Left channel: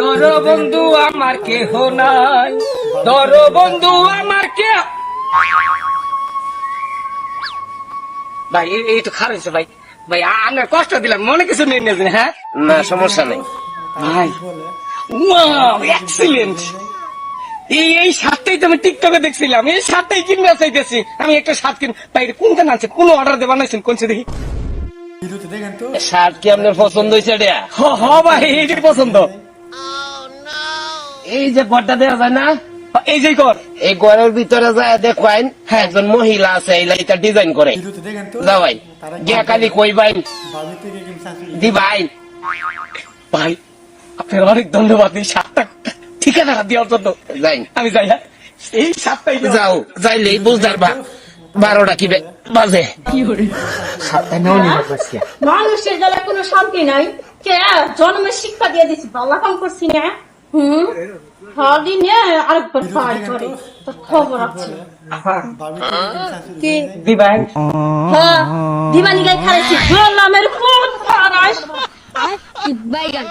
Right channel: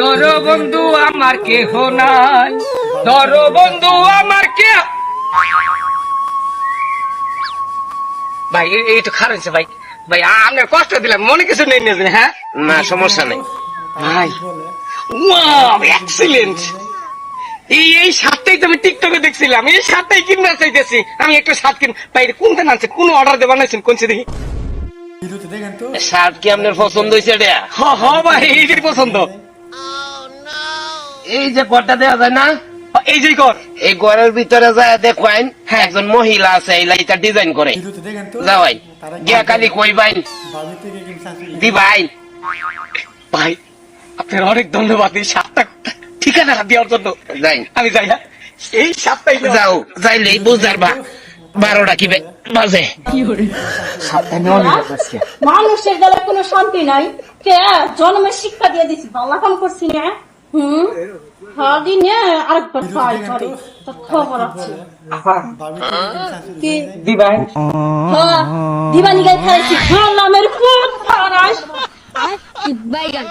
ধরো বন্ধু আমার কেহ নাই, ধরো বন্ধু আমার কেহ। ভাই এই তো খারাপ হয়েছে ভাই। ভাই আপনার কষ্ট দিলাম, মনে কিছু নেই না? হ্যাঁ না সমস্যা নেই। ভাই ওয়াও এক্সিলেন্ট। এই শার্টটাই তো আমি টিকটকে দেখছিলাম, এই শার্টটাই কিনতে চাইতেছি আমি। একটা শার্ট কিন ভাই, কোনটা আনছেন? কোন অর্ডার দিয়ে বানাইছেন? কোনছে দেখি। শার্ট কি আপনার পছন্দ হয়েছে এটা? হ হ ভাই এইটাই পছন্দ। এই যে ঘরটা দেওয়া যায় না, এই যে কর। এই ঘরের ভিতরে যায় দেখবেন একজন মহিলা আছে এই লাইটটা ডিজাইন করে। যা ভাই গিয়া কালি কই ভাই দি ভাই। ভাই আপনার অনেক ধন্যবাদ এই শার্টটা ঠিকানা দেওয়ার জন্য। যাই আমি যাই। হ্যাঁ এই শার্টটাই যাও যাইলেই বুঝার বা 12টা কি বাজে। শার্টটা নেওয়া নিয়ে বসছে। মানুষের গেলে কোনো শান্তি নাই। কে জন্মের শিক্ষা দিয়ে দিছি, ভালো কাম করছি না। দিনে আরেকবার পাই করে তো খবর আছে কি দিবাই। হ্যাঁ দিবানি গাই খাইছি। হ্যাঁ নামের কোন পারাস বাইগান